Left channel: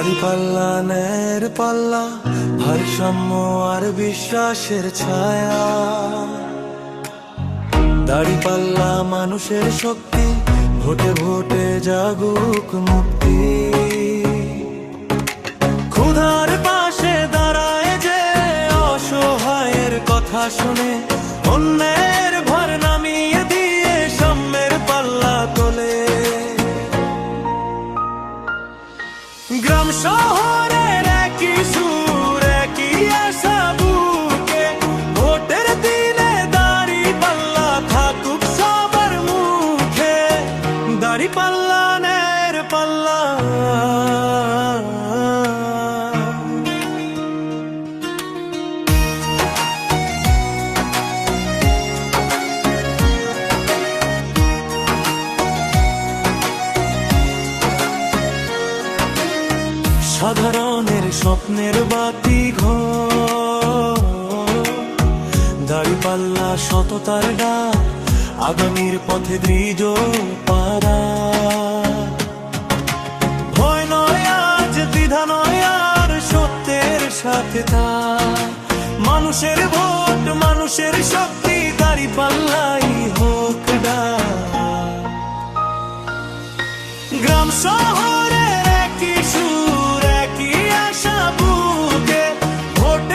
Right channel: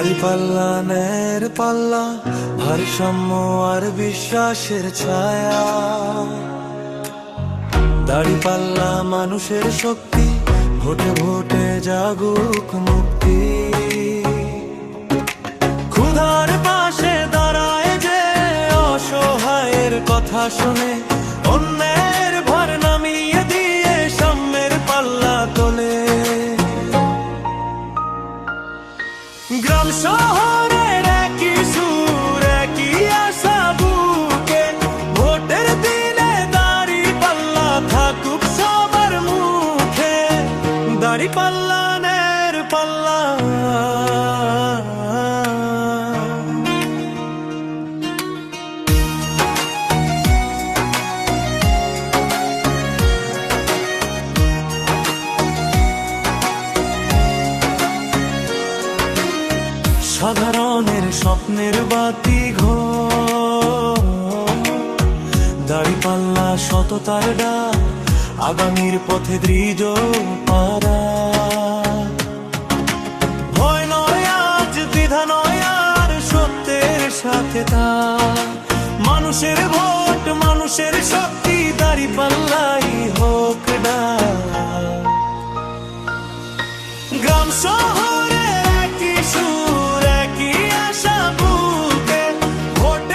দাড়িপাল্লা ন্যায়ের পাল্লা, ভারসাম্য আর বিশ্বাসের ছায়া। দাড়িপাল্লা মানুষের শক্তি, ভোটে ভোটে জাগুক মুক্তি। ক্ষুধার পাশে দাঁড়ায় যে অসহায়ের কথা শুনে, অন্যের ভার নামিয়ে দিয়ে সাম্যের পাল্লা তোলে। গ্রাম শহরের একই সুর, একই আশা বুকে, ভোটের দিনে দাড়িপাল্লা থাকুক সবার মুখে। দাড়িপাল্লা ন্যায়ের পাল্লা। সাধারণের স্বপ্নের বাতি ঘর, দাড়িপাল্লা সততার ডাক, আগামীর পথে দৃঢ় পারা। ভয় নয় আজ, দ্বিধা নয় আর, সত্যের সাথে তা। মানুষের ভোট, মানুষের শক্তি, দাড়িপাল্লাই হোক ডাক। গ্রাম শহরের একই সুর, একই আশা বুকে, ভোট